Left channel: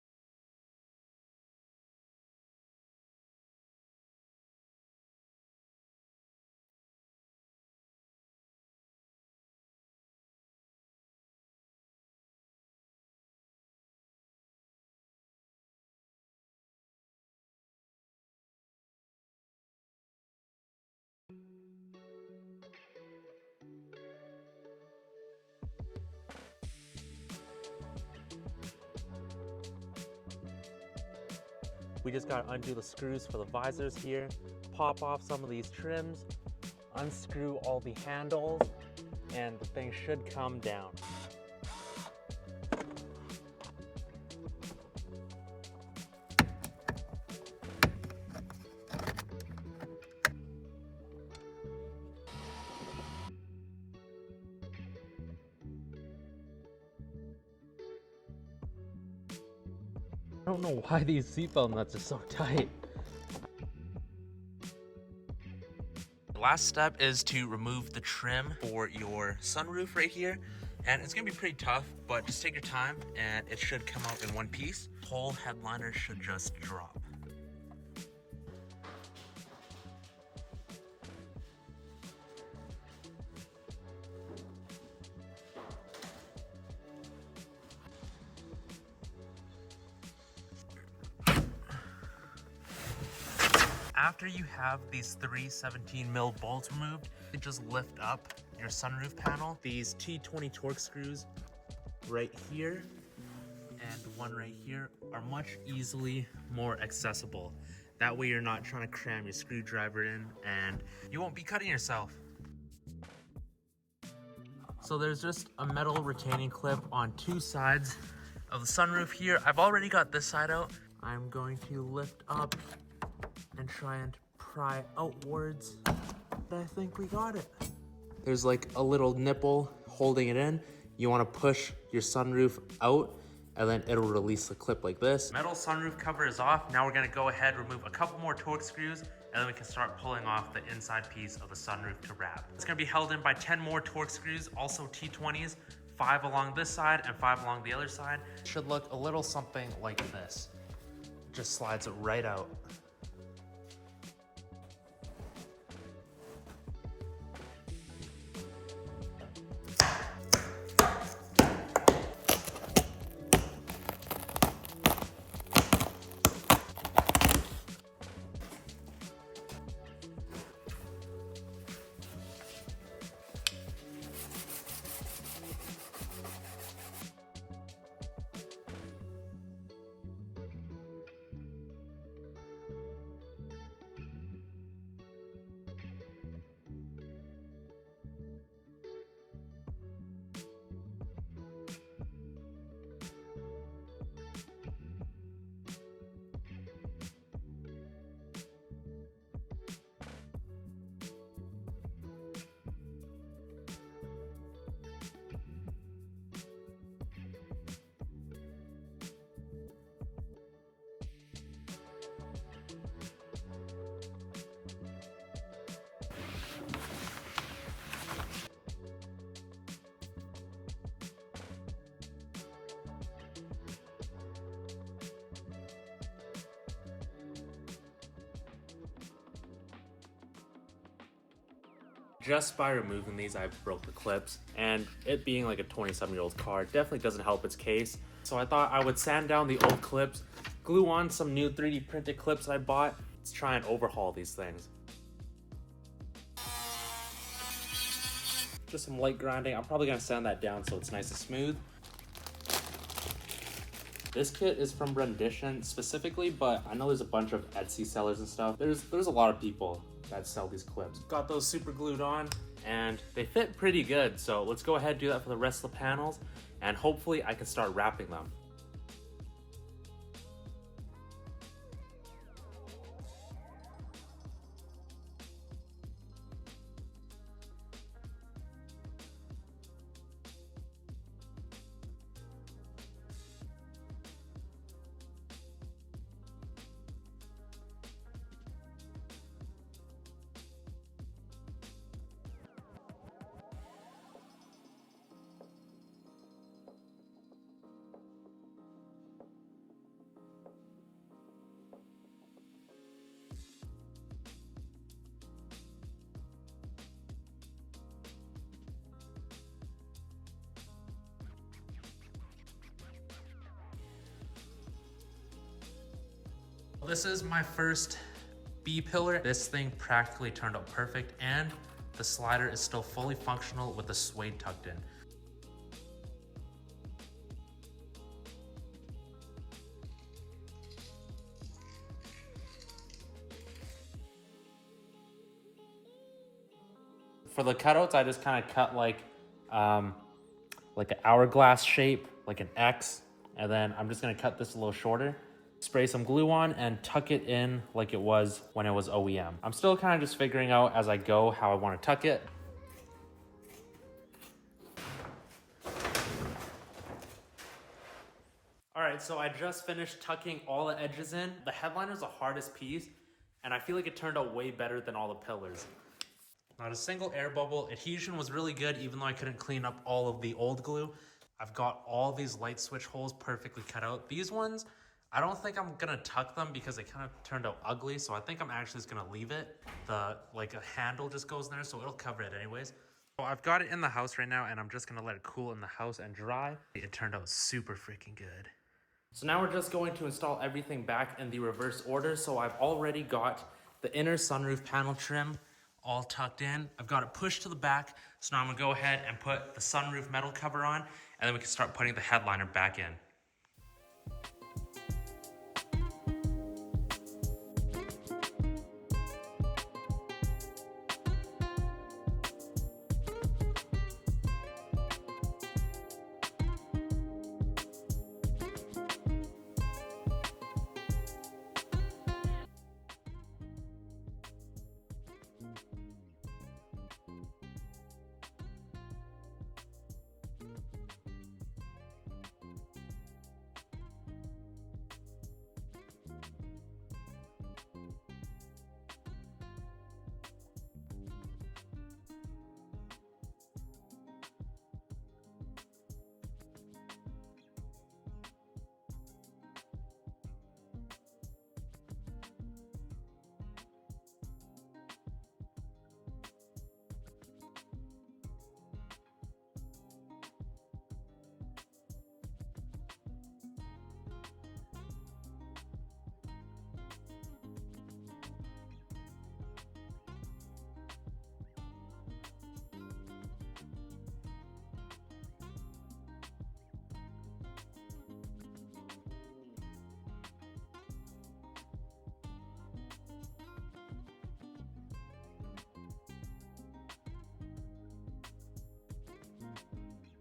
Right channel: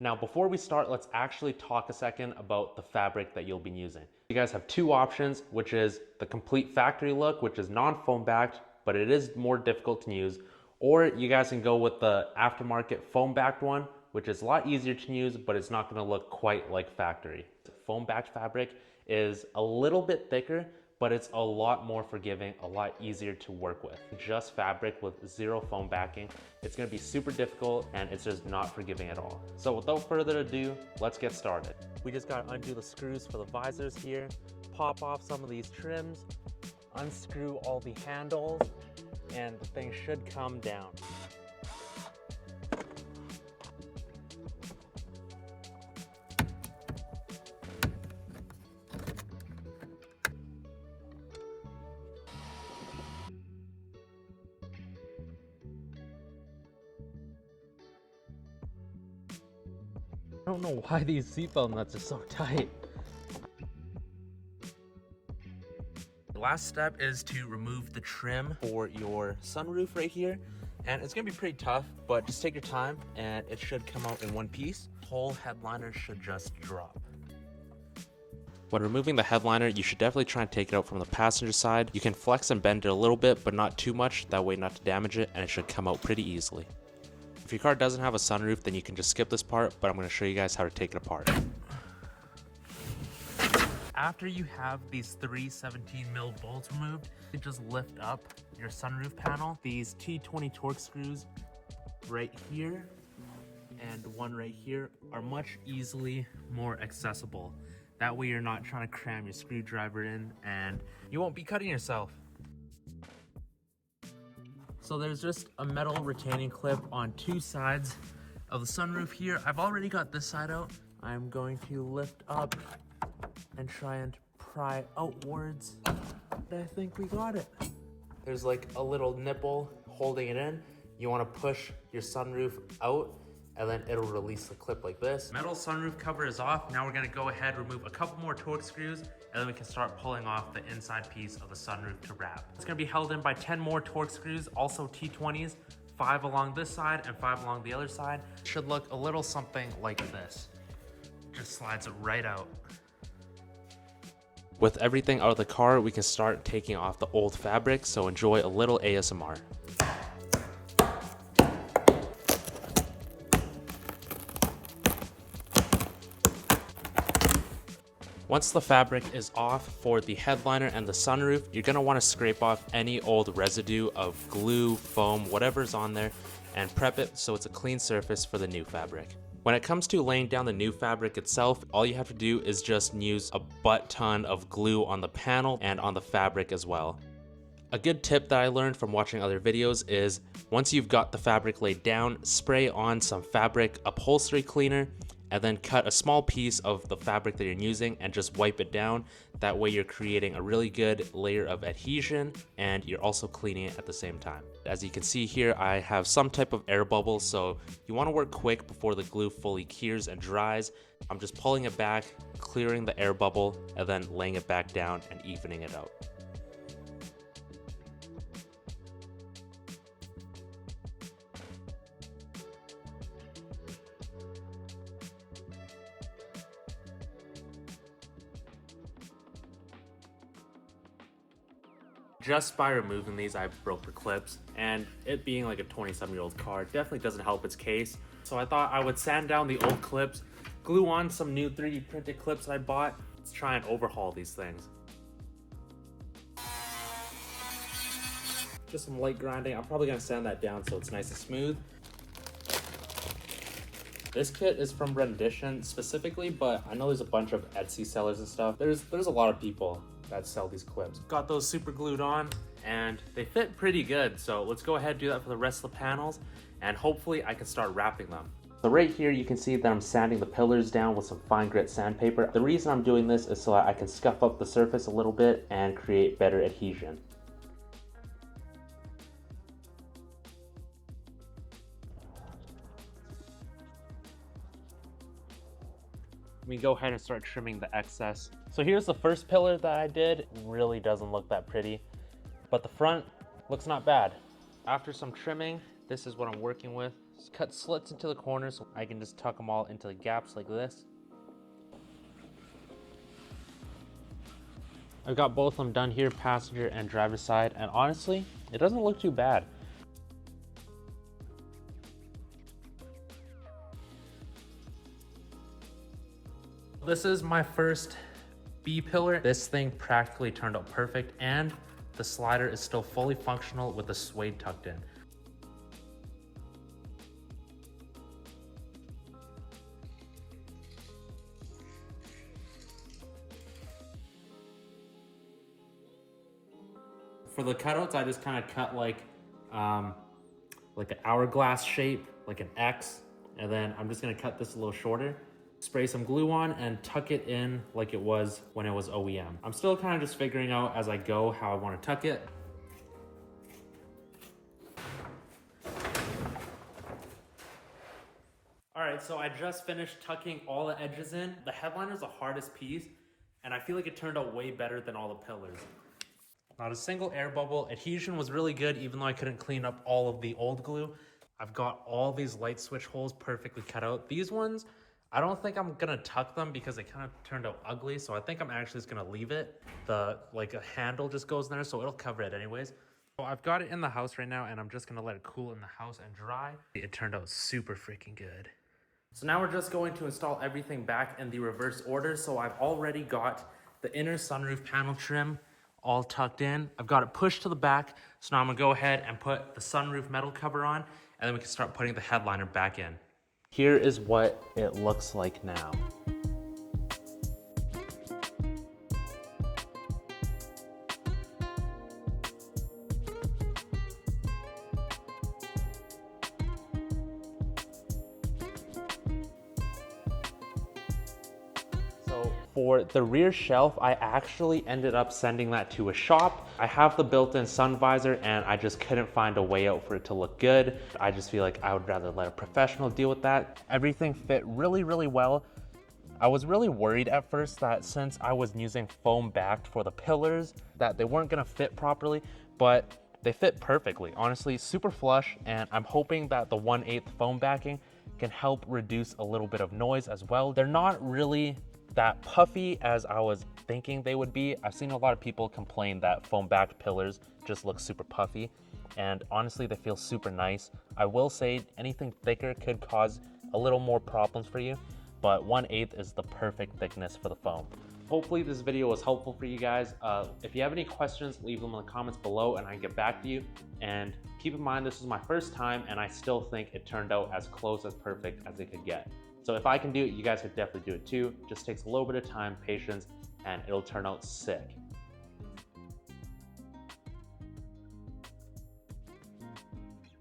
Now, before we start, let's actually talk a second about the fabric that you'll be using. You guys have two options, which is the complete factory look, which is non-foam backed, but it is more difficult to use. Or you guys can go with the aftermarket foam backed one, which is a lot easier to use, but it's not gonna look quite like factory. Foam backed fabric is a little bit thicker, but it's a lot more forgiving, a lot easier to work with. Just fabric with zero foam backing, it's gonna be super difficult and it's just not forgiving at all. So without further ado, let's get started. We just gotta undo the screws for the visors here, pop off some of these trims, unscrew all the handles, and the thing should come down. I don't know why these seatbelt nuts are so tight. The last step is to remove the trim for your sunroof right here. And it's gonna be pretty tough, but just take your time and it should come out in one piece. The whole headliner should just drop. When removing the headliner, you should definitely try and take it out from the passenger side. You can flex and bend it a little bit, but not too much, that way not to damage it, and it should come out pretty easily. If your car doesn't have a sunroof, then you can just skip this part, but I'm going to show you guys how to take it apart. After you have these three 17mm bolts removed, you just lift up your sunroof panel. These T20 Torx screws right here and one right here are much easily more accessible. That way you're not trying to cram your screwdriver in and you won't be cutting yourself. So there's just a metal retaining clip on two sides of the sunroof here. I've already got this side out. I'm going to lift up and try and pry outwards. I think we got it. There's like a little nipple holding it in. You want to push your sunroof out and then it'll release the clip like this. Metal sunroof cover is off. Now we're gonna go ahead, remove a couple more Torx screws, and then we can start pulling off the inside piece of the sunroof to wrap. It's gonna be held in by 10 more Torx screws, also T20s, 5 along this side and 5 along the other side. It should look a little something like this. Just slides it right out. With everything out of the car, we can start taking off the old fabric, so enjoy a little ASMR. Once the fabric is off for the headliner and the sunroof, you're going to want to scrape off any old residue of glue, foam, whatever's on there, and prep it so it's a clean surface for the new fabric. When it comes to laying down the new fabric itself, all you have to do is just use a butt ton of glue on the panel and on the fabric as well. A good tip that I learned from watching other videos is once you've got the fabric laid down, spray on some fabric upholstery cleaner and then cut a small piece of the fabric that you're using and just wipe it down. That way you're creating a really good layer of adhesion and you're also cleaning it at the same time. As you can see here, I have some type of air bubbles, so you want to work quick before the glue fully cures and dries. I'm just pulling it back, clearing the air bubble, and then laying it back down and evening it out. Just by removing these, I broke the clips, and it being like a 27-year-old car definitely doesn't help its case. So I thought I would sand down the old clips, glue on some new 3D printed clips I bought. Let's try and overhaul these things. Just some light grinding. I'm probably gonna sand that down so it's nice and smooth. This kit is from Rendition specifically, but I know there's a bunch of Etsy sellers and stuff. There's a lot of people that sell these clips. Got those super glued on and they fit pretty good. So let's go ahead and do that for the rest of the panels and hopefully I can start wrapping them. So right here you can see that I'm sanding the pillars down with some fine grit sandpaper. The reason I'm doing this is so that I can scuff up the surface a little bit and create better adhesion. We go ahead and start trimming the excess. So here's the first pillar that I did. It really doesn't look that pretty, but the front looks not bad. After some trimming, this is what I'm working with. Just cut slits into the corners so I can just tuck them all into the gaps like this. I've got both of them done here, passenger and driver side, and honestly, it doesn't look too bad. This is my first B pillar. This thing practically turned out perfect, and the slider is still fully functional with the suede tucked in. For the cutouts, I just kind of cut like an hourglass shape, like an X, and then I'm just gonna cut this a little shorter, spray some glue on, and tuck it in like it was when it was OEM. I'm still kind of just figuring out as I go how I want to tuck it. All right, so I just finished tucking all the edges in. The headliner is the hardest piece, and I feel like it turned out way better than all the pillars. Not a single air bubble. Adhesion was really good, even though I couldn't clean up all of the old glue. I've got all these light switch holes perfectly cut out. These ones, I don't think I'm gonna tuck them because they kind of turned out ugly, so I think I'm actually just gonna leave it. Like a handle just goes in there, so it'll cover it anyways. So I've got it in the house right now, and I'm just gonna let it cool in the house and dry. It turned out super freaking good. So now we're just going to install everything back in the reverse order. So I've already got the inner sunroof panel trim all tucked in. I've got it pushed to the back. So now I'm gonna go ahead and put the sunroof metal cover on, and then we can start putting the headliner back in. Here is what it looks like now. For the rear shelf, I actually ended up sending that to a shop. I have the built-in sun visor, and I just couldn't find a way out for it to look good. I just feel like I would rather let a professional deal with that. Everything fit really, really well. I was really worried at first that since I was using foam backed for the pillars, that they weren't gonna fit properly, but they fit perfectly. Honestly, super flush, and I'm hoping that the 1/8 foam backing can help reduce a little bit of noise as well. They're not really that puffy as I was thinking they would be. I've seen a lot of people complain that foam backed pillars just look super puffy, and honestly they feel super nice. I will say anything thicker could cause a little more problems for you, but 1/8 is the perfect thickness for the foam. Hopefully this video was helpful for you guys. If you have any questions, leave them in the comments below and I can get back to you. And keep in mind, this is my first time and I still think it turned out as close as perfect as it could get. So if I can do it, you guys could definitely do it too. Just takes a little bit of time, patience, and it'll turn out sick.